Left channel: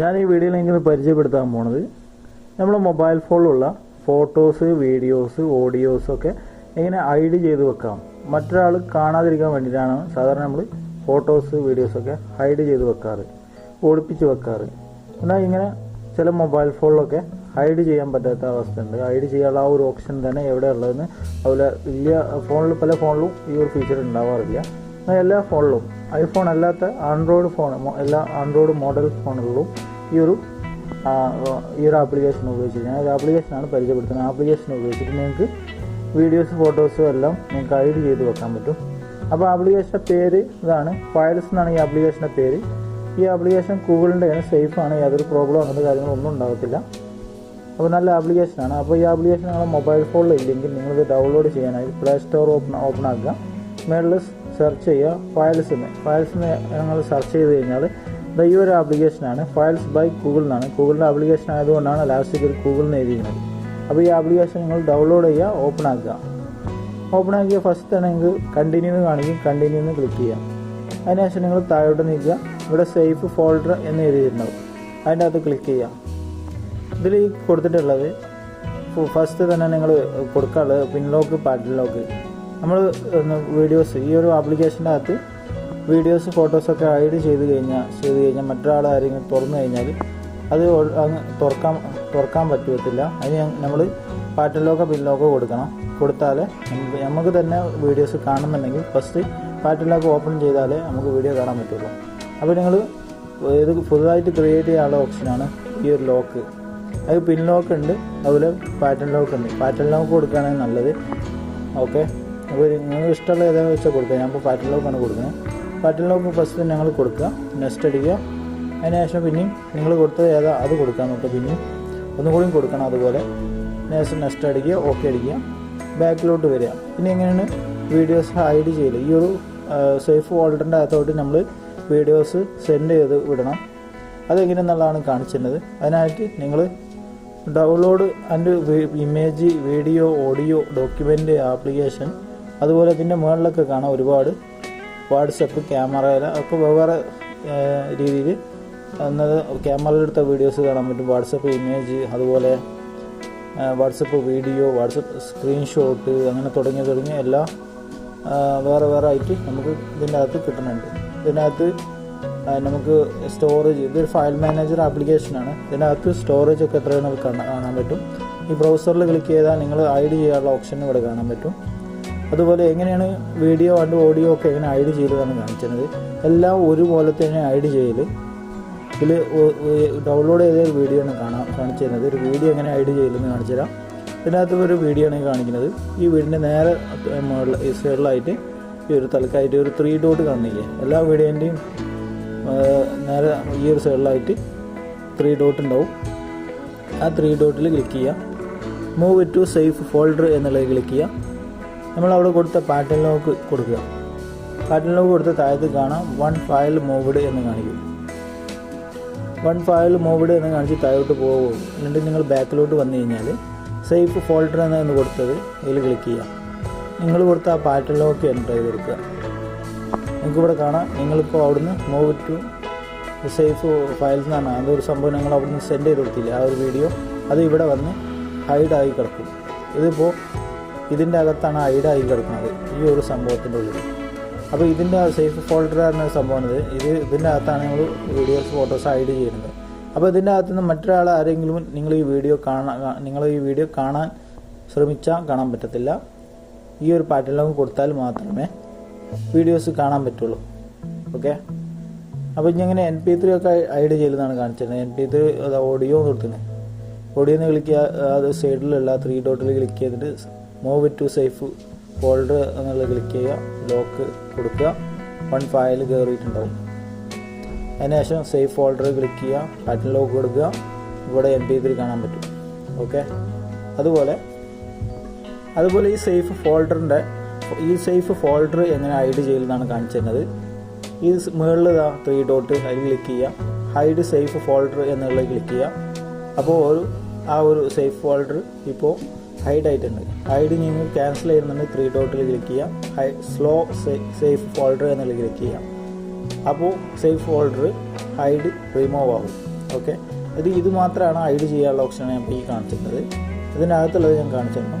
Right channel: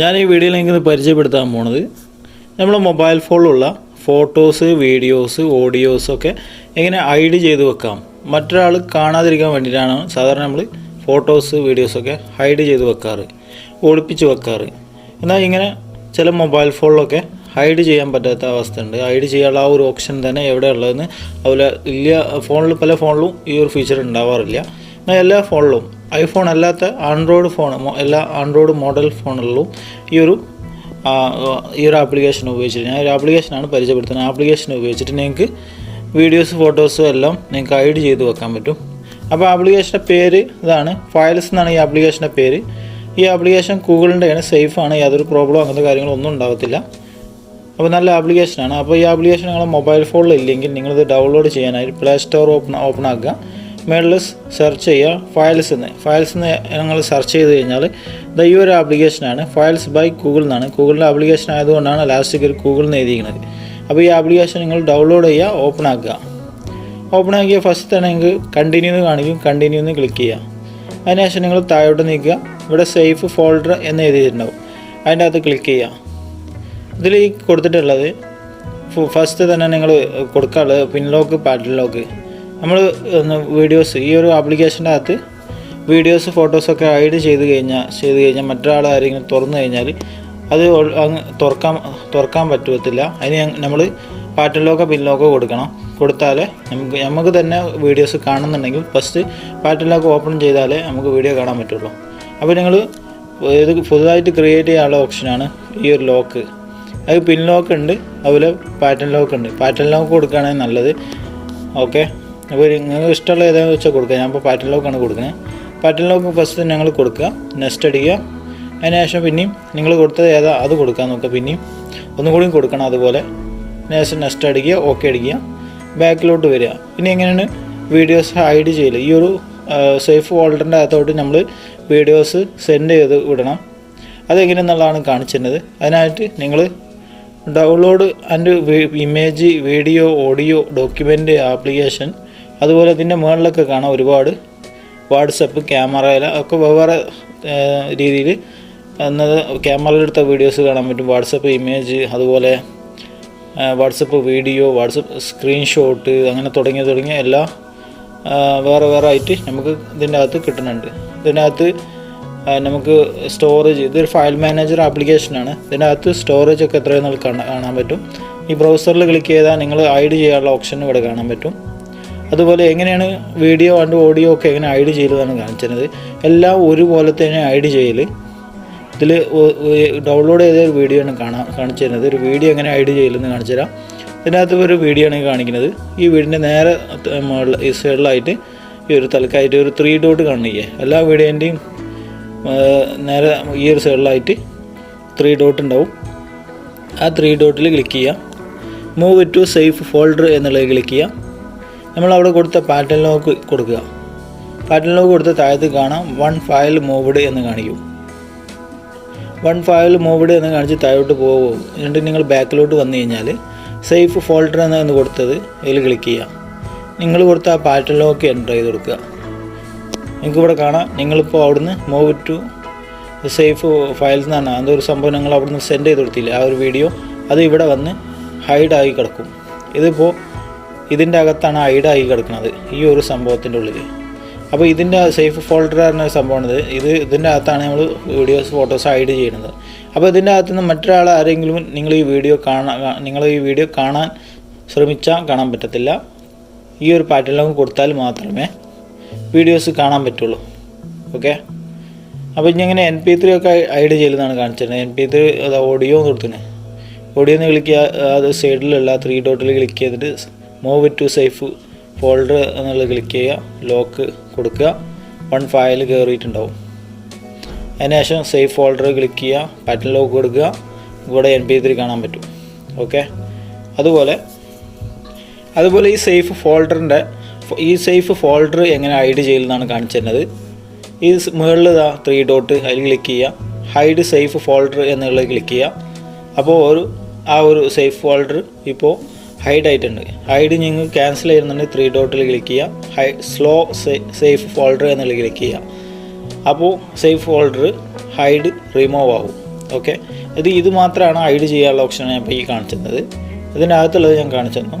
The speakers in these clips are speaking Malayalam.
ഞാൻ ഈ വീഡിയോയിൽ നിങ്ങൾക്ക് പരിചയപ്പെടുത്താൻ പോണത് നമ്മുടെ മൊബൈൽ ഫോണിലുള്ള ഫോട്ടോസ്, വീഡിയോസ്, ഓഡിയോസൊക്കെ എങ്ങനെ ഹൈഡ് ചെയ്ത് വെക്കാം. മറ്റൊരാൾ കാണാതിരിക്കാൻ വേണ്ടിയിട്ടാണ് സാധാരണ നമ്മൾ ഫോട്ടോസ്, വീഡിയോസൊക്കെ ഹൈഡ് ചെയ്ത് വെക്കാറ്, ഒളിപ്പിച്ച് വെക്കാറ്. എന്നാൽ ഇങ്ങനെ ചില മൊബൈൽ ഫോണിലൊക്കെ ഹൈഡ് ചെയ്യാൻ പറ്റാത്ത അവസ്ഥയുണ്ട്. ഹൈഡ് ചെയ്യാനുള്ള ആ ഒരു ഓപ്ഷൻ തന്നെ എവിടെ ഉള്ളതെന്ന് അതുപോലെ ഇല്ല. പല ഫോണിലും ഈ ഒരു ഫീച്ചർ ഉണ്ടാവാറില്ല. എന്നാൽ എല്ലാ ഫോണിലും, ഐഫോൺ അല്ലാത്ത ആൻഡ്രോയിഡ് ഫോൺ, എല്ലാ ആൻഡ്രോയിഡ് മോഡൽ ഫോണുകളിലും ഈ ഒരു ആപ്ലിക്കേഷൻ ഉപയോഗിച്ചിട്ട്, ഞാൻ ഒരു ആപ്ലിക്കേഷനാണ് പരിചയപ്പെടുത്തുന്നത്. ആപ്ലിക്കേഷൻ ഉപയോഗിച്ചിട്ട് നിങ്ങൾക്ക് വീഡിയോസ്, ഫോട്ടോസും എല്ലാം നിങ്ങൾക്ക് ഹൈഡ് ചെയ്ത് വെക്കാൻ പറ്റും. അപ്പോൾ ആപ്ലിക്കേഷൻ്റെ പേര് ഇതാണ്, ഫയൽസ് എന്നാണ് ഈ ആപ്ലിക്കേഷൻ്റെ പേര്. ഈ ആപ്ലിക്കേഷൻ ഗൂഗിളിൻ്റെയാണ്, സേഫാണ്, യാതൊരു പ്രോബ്ലം അങ്ങനത്തെ കാര്യങ്ങളൊന്നും ഉണ്ടാകത്തില്ല. അപ്പോൾ നല്ല ആപ്ലിക്കേഷനാണ്. അപ്പോൾ ഈ ആപ്ലിക്കേഷൻ നിങ്ങളുടെ മൊബൈൽ ഫോണിൽ ഇല്ലെങ്കിൽ നിങ്ങളിത് ഡൗൺലോഡ് ചെയ്യാനായിട്ട് പ്ലേ സ്റ്റോർ ഓപ്പൺ ആക്കുക. മേളിൽ സെർച്ച് ചെയ്യുക ഫയൽസ് എന്ന് നിങ്ങൾ സെർച്ച് ചെയ്ത് കഴിഞ്ഞാൽ ഈ ഒരു ആപ്ലിക്കേഷനാണ്. ഫയൽസ് ബൈ ഗൂഗിൾ എന്നാണ്. ഗൂഗിളിൻ്റെ ആപ്ലിക്കേഷൻ ആയതുകൊണ്ടാണ് ലാസ്റ്റ് ഗൂഗിളിൽ നിന്ന് എഴുതിയിരിക്കുന്നത്. അപ്പോൾ ഈ ആപ്ലിക്കേഷൻ നിങ്ങൾ ഡൗൺലോഡ് ചെയ്യുക, ഓപ്പൺ ആക്കിയ ഫസ്റ്റ് തന്നെ നിങ്ങൾക്ക് കണ്ടിന്യൂ എന്ന് കാണിക്കും. കണ്ടിന്യൂ എന്ന് ക്ലിക്ക് ചെയ്യുക. അതിനുശേഷം നിങ്ങൾ താഴോട്ട് നീക്കുക. ഇവിടെ സേഫ് ഫോൾഡർ എന്ന് എഴുതിയിട്ടുണ്ടാവും, അതിൻ്റെ അകത്ത് ക്ലിക്ക് ചെയ്യുക. ഇതിൽ ഈ കൊടുത്തിട്ടുള്ളത് ഫസ്റ്റ് തന്നെ നിങ്ങൾ കൊടുക്കാനുള്ളത് പിൻലോക്ക്, പാറ്റേൺ ലോക്ക്. നമ്മൾ വീഡിയോസ്, ഈ ഒരു ആപ്ലിക്കേഷൻ്റെ അകത്ത് വീഡിയോസ്, ഫോട്ടോസൊക്കെ ഹൈഡ് ചെയ്ത് കഴിഞ്ഞാൽ മറ്റൊരാൾ ആരെങ്കിലും തുറന്നു കഴിഞ്ഞാൽ അത് തുറക്കാൻ പറ്റത്തില്ല. അതിന് നമ്മൾ പാറ്റേൺ ലോക്കോ പിൻ ലോക്കോ കൊടുത്താലേ നമുക്ക് തന്നെ വീഡിയോസ് കാണുന്നുണ്ടെങ്കിൽ ഫസ്റ്റ് പാറ്റേൺ ലോക്ക് ഓപ്പൺ ചെയ്താലേ നമുക്ക് വീഡിയോ കാണാൻ പറ്റുള്ളൂ. അപ്പോൾ നിങ്ങൾ ഇത് പുതുതായിട്ട് ക്രിയേറ്റ് ചെയ്യാനുള്ള ഓപ്ഷനാണ് ഈ ഒരു ലോക്ക്. അത് പിൻ ലോക്ക് ഉണ്ട്, അതുപോലെ പാറ്റേൺ ലോക്ക് ഉണ്ട്. പാറ്റേൺ ലോക്ക് കൊടുക്കുകയാണെങ്കിൽ നല്ലത്. ഓക്കെ, അപ്പോൾ നിങ്ങൾക്ക് ഇഷ്ടമുള്ള ഏതാണെന്ന് വെച്ചാൽ കൊടുക്കുക. ഞാനിപ്പോൾ പാറ്റേൺ ലോക്കാണ് കൊടുക്കുന്നത്. പാറ്റേൺ ലോക്ക് ഫസ്റ്റ് ഞങ്ങൾ കൊടുക്കുക, നെക്സ്റ്റ് അടിക്കുക. അതിനുശേഷം പിന്നെയും നിങ്ങൾ കൊടുത്തത് ഏതാ അത് കൊടുക്കാൻ നോക്കുക. പിന്നെയും ഒന്നും കൂടിയും കൊടുക്കണം. അതുപോലെ നെക്സ്റ്റ് അടിക്കുക, ഓക്കെ അടിക്കുക, ബാക്കിലോട്ട് വരിക. ഇനി എങ്ങനെയാണ് വീഡിയോസ് ഹൈഡ് ചെയ്യൽ? ഈ ഒരു സേഫ് ഫോൾഡറിൻ്റെ അകത്തോട്ട് നമ്മൾ വീഡിയോസ് സെൻഡ് ചെയ്ത് വിടണം. അതെങ്ങനെയെന്നുള്ളതാണ് കാണിച്ചിരുന്നത്. അതിനായിട്ട് നിങ്ങൾ download and image, video, audio, document application, അതുപോലെ ഇതിൻ്റെ മുകളിലൊക്കെ കാണാം ഒരുപാട് വാട്സപ്പ്, ക്യാമറയിൽ ഒക്കെ വെവ്വേറെ രീതിയിൽ എന്നത് ക്യാമറയിലെടുത്ത വീഡിയോസ് കാണാൻ പറ്റും. വാട്സപ്പ് ഇമേജ്, അതുപോലെ വാട്സപ്പ് വീഡിയോ, വാട്സപ്പ് സ്ക്രീൻഷോട്ട്, അങ്ങനെ തുടങ്ങിയ എല്ലാ വേറെ ആയിട്ട് നമുക്ക് ഇതിൻ്റെ അകത്ത് കിട്ടുന്നുണ്ട്. ഇതിൻ്റെ അകത്ത് നമുക്ക് സ്റ്റോറേജ്, ഇതൊരു ഫയൽ മാനേജർ ആപ്ലിക്കേഷനാണ്. ഇതിൻ്റെ അകത്ത് സ്റ്റോറേജ് ഒക്കെ എത്രയെന്ന് കാണാൻ പറ്റും. ഈ ബ്രൗസറിൽ ക്ലിക്ക് ചെയ്താൽ നിങ്ങൾ ഹൈഡ് ചെയ്യാനുള്ള ഓപ്ഷൻ ഇവിടെ കാണാൻ പറ്റും. അതുപോലെ എങ്ങനെയാണ് വീഡിയോ ആൻഡ് ഓഡിയോ ഒക്കെ എങ്ങനെ ഹൈഡ് ചെയ്തതാണ് കാണിച്ചത്. എല്ലാം ഒരുപോലെ തന്നെ ഹൈഡ് ചെയ്യൽ. ഇതിൽ ഡൗൺലോഡ് ചെയ്ത ഒരു വീഡിയോ ആണ് കാണിച്ചു തരുന്നത്. ഒരു വീഡിയോ എങ്ങനെ ഹൈഡ് ചെയ്യലെന്ന് കാണിച്ചു തരാം. ഇതിനകത്ത് ഒരു വീഡിയോ ആണ് കാണിക്കുന്നത്. ഈ വീടിൻ്റെ നേരെ ഈ സൈഡിലായിട്ട് ഈ ഒരു തലക്കായിട്ട് ഒരു 3 ഡോട്ട് കാണില്ലേ, എല്ലാ വീഡിയോൻ്റെയും നേരെ ഈ ഒരു സൈഡിലായിട്ട് 3 ഡോട്ട് ഉണ്ടാവും. ആ 3 ഡോട്ടിൽ ക്ലിക്ക് ചെയ്യുക. മൂവ് ടു സേഫ് ഫോൾഡർ എന്നുള്ളത് ക്ലിക്ക് ചെയ്യുക. നമ്മളവിടെ കൊടുത്ത പാറ്റേൺ ലോക്ക് കൊടുക്കുക. പാറ്റേൺ ലോക്ക് കൊടുത്ത താഴത്ത് കാണാം 1 ഫയൽ മൂവ്ഡ് എന്ന് കാണിക്കും. 1 ഫയൽ മൂവ്ഡ് എന്ന് കാണിച്ച് താഴോട്ട് പോകും. എന്നിട്ട് നിങ്ങൾ ബാക്കിലോട്ട് വന്നു കഴിഞ്ഞാൽ സേഫ് ഫോൾഡർ എന്ന് കൊടുത്തത് ഇതിൽ ക്ലിക്ക് ചെയ്യുക. നിങ്ങൾ കൊടുത്ത ആ പാറ്റേൺ ലോക്ക് എൻ്റർ ചെയ്ത് കൊടുക്കുക. നിങ്ങൾക്കിവിടെ കാണാം, നിങ്ങളിപ്പോൾ അവിടുന്ന് മൂവ് ടു സേഫ് ഫയൽസ് എന്നാണ് അതൊരു സംഭവം നിങ്ങൾ അവിടുന്ന് സെൻഡ് ചെയ്ത് കൊടുത്തില്ല. ആ ഒരു വീഡിയോ അത് ഇവിടെ വന്ന് ഹൈഡായി കിടക്കും. ഇതിപ്പോൾ ഇതിൻ്റെ അകത്താണ് ഹൈഡായി കിടക്കുന്നത്, ഈ ഒരു സംഭവത്തിൻ്റെ ഉള്ളിൽ. അപ്പോൾ ഇതിൻ്റെ സേഫ് ഫോൾഡർ എന്ന സംഭവമാണിത്. ഇതിൻ്റെ അകത്താണ് നമ്മൾ വീഡിയോസ്, ഫോട്ടോസ് ഹൈഡ് ചെയ്യുന്നത്. അപ്പോൾ ഇതിൻ്റെ അകത്ത് നിന്ന് മറ്റൊരാൾ ആരെങ്കിലും നിങ്ങൾ ഈ വീഡിയോ കാണാൻ ശ്രമിച്ചാൽ കാണാൻ പറ്റത്തില്ല. ഈ ഒരു പാറ്റേൺ ലോക്ക് കൊടുത്താൽ മാത്രമേ വീഡിയോസ് കാണാൻ പറ്റുള്ളൂ. ഓക്കെ, അപ്പോൾ ഇനി ഇങ്ങനെ MP3 ഒക്കെ ഹൈഡ് ചെയ്യലെന്നാണ് കാണിച്ചിരുന്നത്. MP3 അത് ഓഡിയോ കൊടുക്കുന്നത്. ഓഡിയോ എന്ന് ക്ലിക്ക് ചെയ്യുക. അത് സൈഡിലുള്ള 3 ഡോട്ടിൽ ക്ലിക്ക് ചെയ്തിട്ട് മൂവ് ടു സേഫ് ഫോൾഡർ എന്നുള്ളത് ക്ലിക്ക് ചെയ്യുക. ലോക്ക് കൊടുക്കുക. 1 ഫയൽ കയറിയിട്ടുണ്ടാവും. അതിനുശേഷം സേഫ് ഫോൾഡർ ക്ലിക്ക് ചെയ്യുക, പാറ്റേൺ ലോക്ക് കൊടുക്കുക. ഇവിടെ MP3 കാണാൻ പറ്റും. ഓക്കെ, അതുപോലെ ഈ സേഫ് ഫോൾഡർ എങ്ങനെ ഹൈഡ് ചെയ്യലെന്നാണ് കാണിച്ചിരുന്നത്. ഈ മുകളിൽ 3 ഡോട്ട് അതിൽ ക്ലിക്ക് ചെയ്യുക. ഹൈഡ് സേഫ് ഫോൾഡർ എന്നുള്ളത് ക്ലിക്ക് ചെയ്യുക. അപ്പോൾ ആ ഒരു സേഫ് ഫോൾഡർ ഇപ്പോൾ ഹൈഡ് ആയിട്ടുണ്ട്. ഹൈഡ് നിങ്ങൾ ക്യാൻസൽ ചെയ്യുന്നുണ്ടെങ്കിൽ 3 ഡോട്ടിൽ ക്ലിക്ക് ചെയ്യുക. സ്ലോ സേഫ് ഫോൾഡർ എന്നുള്ളത് ക്ലിക്ക് ചെയ്യുക. അപ്പോൾ സേഫ് ഫോൾഡർ ഹൈഡ് റിമൂവ് ആവും. ഓക്കെ, ഇത് മാത്രമാണ് ഹൈഡ് ചെയ്യാനുള്ള ഓപ്ഷനാണ് ഞാൻ ഇപ്പോൾ ഈ കാണിച്ചിരുന്നത്. ഇതിൻ്റെ അകത്തുള്ളത് ഞാൻ കാണിച്ചു തന്നു.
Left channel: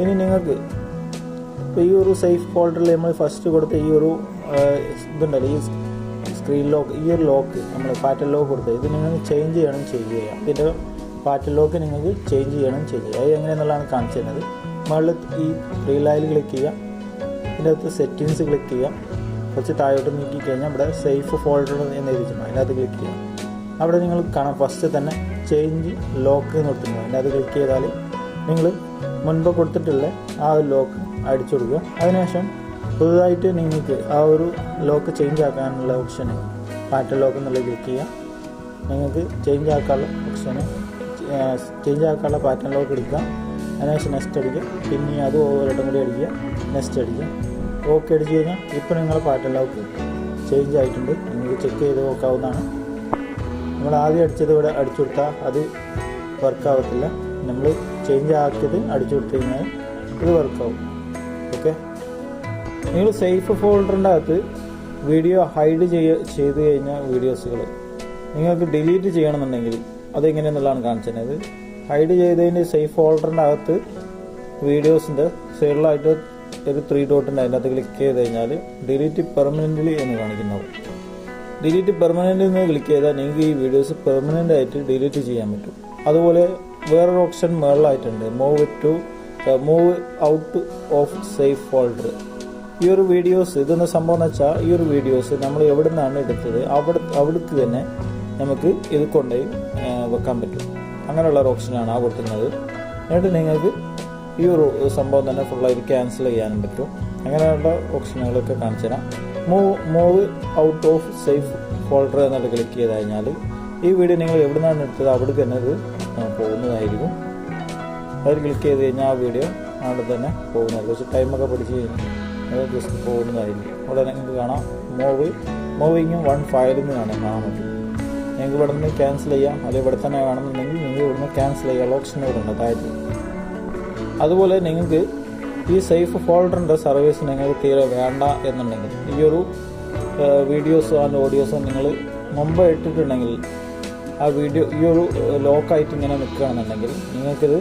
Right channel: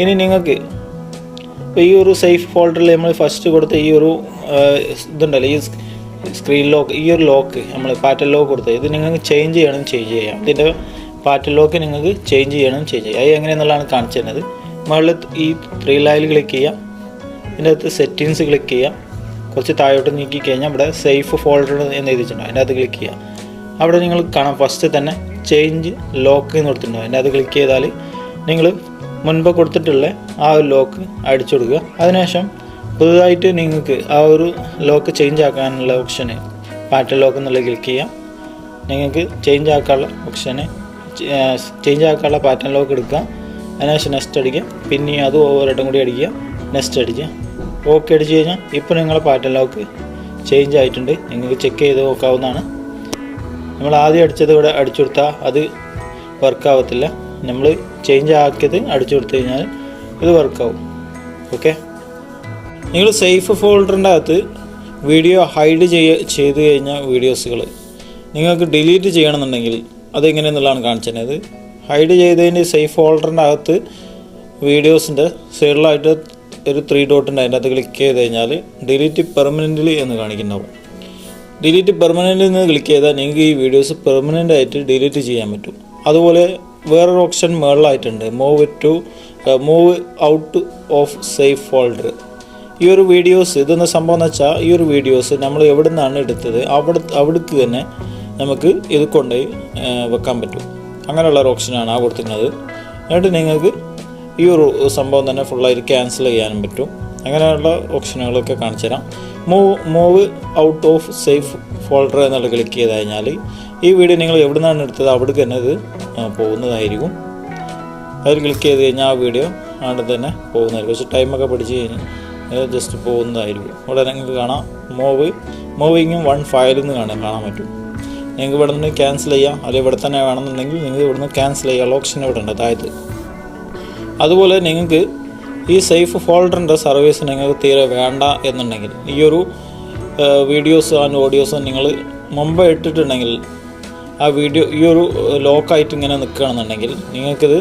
ഇനി നിങ്ങൾക്ക് ഇപ്പോൾ ഈ ഒരു സേഫ് ഫോൾഡറിൽ നമ്മൾ ഫസ്റ്റ് കൊടുത്ത ഈ ഒരു ഇതുണ്ടല്ലോ, ഈ സ്ക്രീൻ ലോക്ക്, ഈ ഒരു ലോക്ക് നമ്മൾ പാറ്റേൺ ലോക്ക് കൊടുത്തത്, ഇത് നിങ്ങൾക്ക് ചേഞ്ച് ചെയ്യാം. ഇതിൻ്റെ പാറ്റേൺ ലോക്ക് നിങ്ങൾക്ക് ചേഞ്ച് ചെയ്യാം. അത് എങ്ങനെയെന്നുള്ളതാണ് കാണിച്ചു തരുന്നത്. മുകളിൽ ഈ 3 ലൈനിൽ ക്ലിക്ക് ചെയ്യാം. ഇതിൻ്റെ അകത്ത് സെറ്റിങ്സ് ക്ലിക്ക് ചെയ്യാം. കുറച്ച് താഴോട്ട് നീക്കി കഴിഞ്ഞാൽ ഇവിടെ സേഫ് ഫോൾഡർ എന്ന് എഴുതിയിട്ടുണ്ടോ, അതിൻ്റെ അകത്ത് ക്ലിക്ക് ചെയ്യാം. അവിടെ നിങ്ങൾ കാണാം ഫസ്റ്റ് തന്നെ ചേഞ്ച് ലോക്ക് എന്ന് കൊടുത്തിട്ടുണ്ടോ, അതിൻ്റെ അകത്ത് ക്ലിക്ക് ചെയ്താൽ നിങ്ങൾ മുൻപ് കൊടുത്തിട്ടുള്ള ആ ഒരു ലോക്ക് അടിച്ചു കൊടുക്കുക. അതിനുശേഷം പുതുതായിട്ട് നിങ്ങൾക്ക് ആ ഒരു ലോക്ക് ചേഞ്ച് ആക്കാനുള്ള ഓപ്ഷന് പാറ്റേൺ ലോക്ക് എന്നുള്ളത് ക്ലിക്ക് ചെയ്യാം. നിങ്ങൾക്ക് ചേഞ്ച് ആക്കാനുള്ള ഓപ്ഷന് ചേഞ്ച് ആക്കാനുള്ള പാറ്റേൺ ലോക്ക് എടുക്കുക. അതിനുശേഷം നെക്സ്റ്റ് അടിക്കുക. പിന്നെ അത് ഒരിടം കൂടി അടിക്കുക, നെക്സ്റ്റ് അടിക്കുക. ഓക്കെ അടിച്ച് കഴിഞ്ഞാൽ ഇപ്പോൾ നിങ്ങളെ പാറ്റേൺ ലോക്ക് ചേഞ്ച് ആയിട്ടുണ്ട്. നിങ്ങൾക്ക് ചെക്ക് ചെയ്ത് നോക്കാവുന്നതാണ്. നമ്മൾ ആദ്യം അടിച്ചത് ഇവിടെ അടിച്ചു കൊടുത്താൽ അത് വർക്കാവത്തില്ല. നമ്മൾ ചേഞ്ച് ആക്കിയത് അടിച്ചു കൊടുത്തു കഴിഞ്ഞാൽ ഇത് വർക്കാവും. ഓക്കെ, നിങ്ങൾ സേഫ് ഫോൾഡറിൻ്റെ അകത്ത് വീഡിയോ ഹൈഡ് ചെയ്ത് കഴിഞ്ഞാൽ വീഡിയോസുകൾ നിങ്ങൾക്ക് ഡിലീറ്റ് ചെയ്യണമെന്നുണ്ടെങ്കിൽ അതെങ്ങനെയെന്നുള്ളതാണ് കാണിച്ചത്. ഹൈഡ് ചെയ്തതിൻ്റെ സേഫ് ഫോൾഡറിൻ്റെ അകത്ത് വീഡിയോസിൻ്റെ സൈഡിലായിട്ട് ഒരു 3 ഡോട്ട് ഉണ്ട്. അതിൻ്റെ അകത്ത് ക്ലിക്ക് ചെയ്ത് കഴിഞ്ഞാൽ ഡിലീറ്റ് പെർമനൻ്റ്ലി എന്ന് കാണിക്കുന്നുണ്ടാവും. ഡിലീറ്റ് പെർമനൻ്റ് എന്ന് ക്ലിക്ക് ചെയ്താൽ നിങ്ങൾക്ക് ഈ വീഡിയോസ് പെർമനൻ്റ് ആയിട്ട് ഡിലീറ്റ് ചെയ്യാൻ പറ്റും. അതുപോലെ വേറൊരു ഓപ്ഷൻ മുകളിലായിട്ടുണ്ട്, move out of safe folder. ഈ ഒരു വീഡിയോസ് ഇതെന്ന സംഭവം എന്ന് വെച്ചാൽ ഈ ഒരു വീഡിയോസ് നമ്മൾ എവിടെ നിന്നാണ് എടുത്തത് അവിടേക്ക് തന്നെ നമുക്ക് ഇത് കൊണ്ടുപോയി വെക്കാൻ പറ്റും. അങ്ങനെയുള്ളൊരു ഓപ്ഷനാണ് ആ കൊടുത്തിരുന്നത്. എന്നിട്ട് നിങ്ങൾക്ക് ഈ ഒരു സംഭവം തന്നെ ഫുള്ളായിട്ട് ക്യാൻസൽ ചെയ്യാനും പറ്റും. അങ്ങനെയുള്ള ഓപ്ഷനുകളൊക്കെ കാണിച്ചു തരാം. Move out of safe folder എന്നുള്ള ക്ലിക്ക് ചെയ്ത് കഴിഞ്ഞാൽ ഈ വീഡിയോ നിങ്ങൾ എവിടെ നിന്നാണ് എടുത്തത് അവിടേക്ക് തന്നെ ഇത് പോകുന്നതായിരിക്കും. അതിൽ ക്ലിക്ക് ചെയ്ത് കഴിഞ്ഞാൽ ആ വീഡിയോ അവിടെ തന്നെ പോകുന്നതായിരിക്കും. കുറച്ച് ടൈമൊക്കെ പഠിച്ച് കഴിഞ്ഞാൽ ജസ്റ്റ് പോകുന്നതായിരിക്കും. ഇവിടെ നിങ്ങൾക്ക് കാണാം മൂവിങ്ങും 1 ഫയലിൽ നിന്ന് കാണാൻ പറ്റും. നിങ്ങൾക്ക് ഇവിടെ നിന്ന് ക്യാൻസൽ ചെയ്യാം. അല്ലെങ്കിൽ ഇവിടെ തന്നെ വേണമെന്നുണ്ടെങ്കിൽ നിങ്ങൾക്ക് ഇവിടെ നിന്ന് ക്യാൻസൽ ചെയ്യാനുള്ള ഓപ്ഷൻ ഇവിടെ ഉണ്ട് താഴത്ത്. അതുപോലെ നിങ്ങൾക്ക് ഈ സേഫ് ഫോൾഡറിൻ്റെ സർവീസ് നിങ്ങൾക്ക് തീരെ വേണ്ട എന്നുണ്ടെങ്കിൽ ഈ ഒരു വീഡിയോസ് ആൻഡ് ഓഡിയോസ് നിങ്ങൾ മുമ്പ് ഇട്ടിട്ടുണ്ടെങ്കിൽ ആ വീഡിയോ ഈ ഒരു ലോക്കായിട്ട് ഇങ്ങനെ നിൽക്കുകയാണെന്നുണ്ടെങ്കിൽ നിങ്ങൾക്കിത്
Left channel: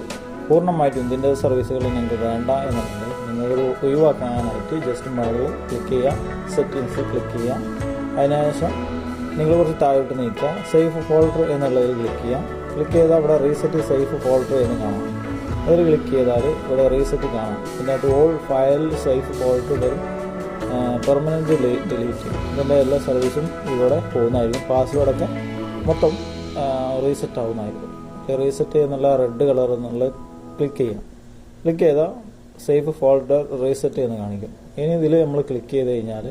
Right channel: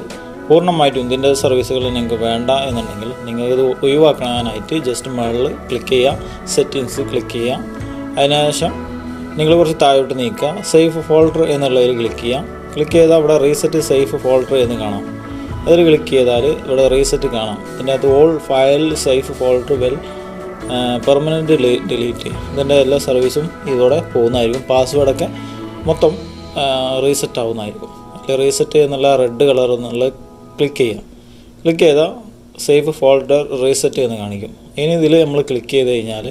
പൂർണ്ണമായിട്ടും ഇതിൻ്റെ സർവീസുകൾ നിങ്ങൾക്ക് വേണ്ട എന്നുണ്ടെങ്കിൽ നിങ്ങൾക്കിത് ഒഴിവാക്കാനായിട്ട് ജസ്റ്റ് മുകളിൽ ക്ലിക്ക് ചെയ്യുക, സെറ്റിങ്സ് ക്ലിക്ക് ചെയ്യുക. അതിനുശേഷം നിങ്ങൾ കുറച്ച് താഴോട്ട് നീക്കുക, സേഫ് ഫോൾഡർ എന്നുള്ളതിൽ ക്ലിക്ക് ചെയ്യാം. ക്ലിക്ക് ചെയ്താൽ അവിടെ റീസെറ്റ് സേഫ് ഫോൾഡർ എന്ന് കാണാം. അതിൽ ക്ലിക്ക് ചെയ്താൽ ഇവിടെ റീസെറ്റ് കാണാം. ഇതിനകത്ത് all file safe folder well permanent delete, ഇതിൻ്റെ എല്ലാ സർവീസും ഇതോടെ പോകുന്നതായിരിക്കും. പാസ്വേഡൊക്കെ മൊത്തം റീസെറ്റ് ആവുന്നതായിരിക്കും. റീസെറ്റ് എന്നുള്ള റെഡ് കളർ എന്നുള്ള ക്ലിക്ക് ചെയ്യാം. ക്ലിക്ക് ചെയ്താൽ സേഫ് ഫോൾഡർ റീസെറ്റ് എന്ന് കാണിക്കും. ഇനി ഇതിൽ നമ്മൾ ക്ലിക്ക് ചെയ്ത് കഴിഞ്ഞാൽ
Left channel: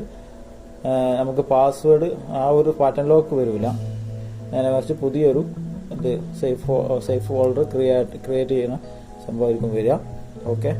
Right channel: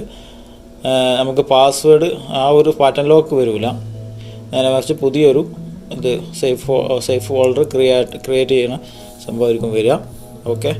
നമുക്ക് പാസ്വേഡ് ആ ഒരു പാറ്റേൺ ലോക്ക് വരില്ല. നേരെ മറിച്ച് പുതിയൊരു ഇത് സേഫ് ഫോൾഡർ ക്രിയേറ്റ് ചെയ്യുന്ന സംഭവമായിരിക്കും വരിക. ഓക്കെ.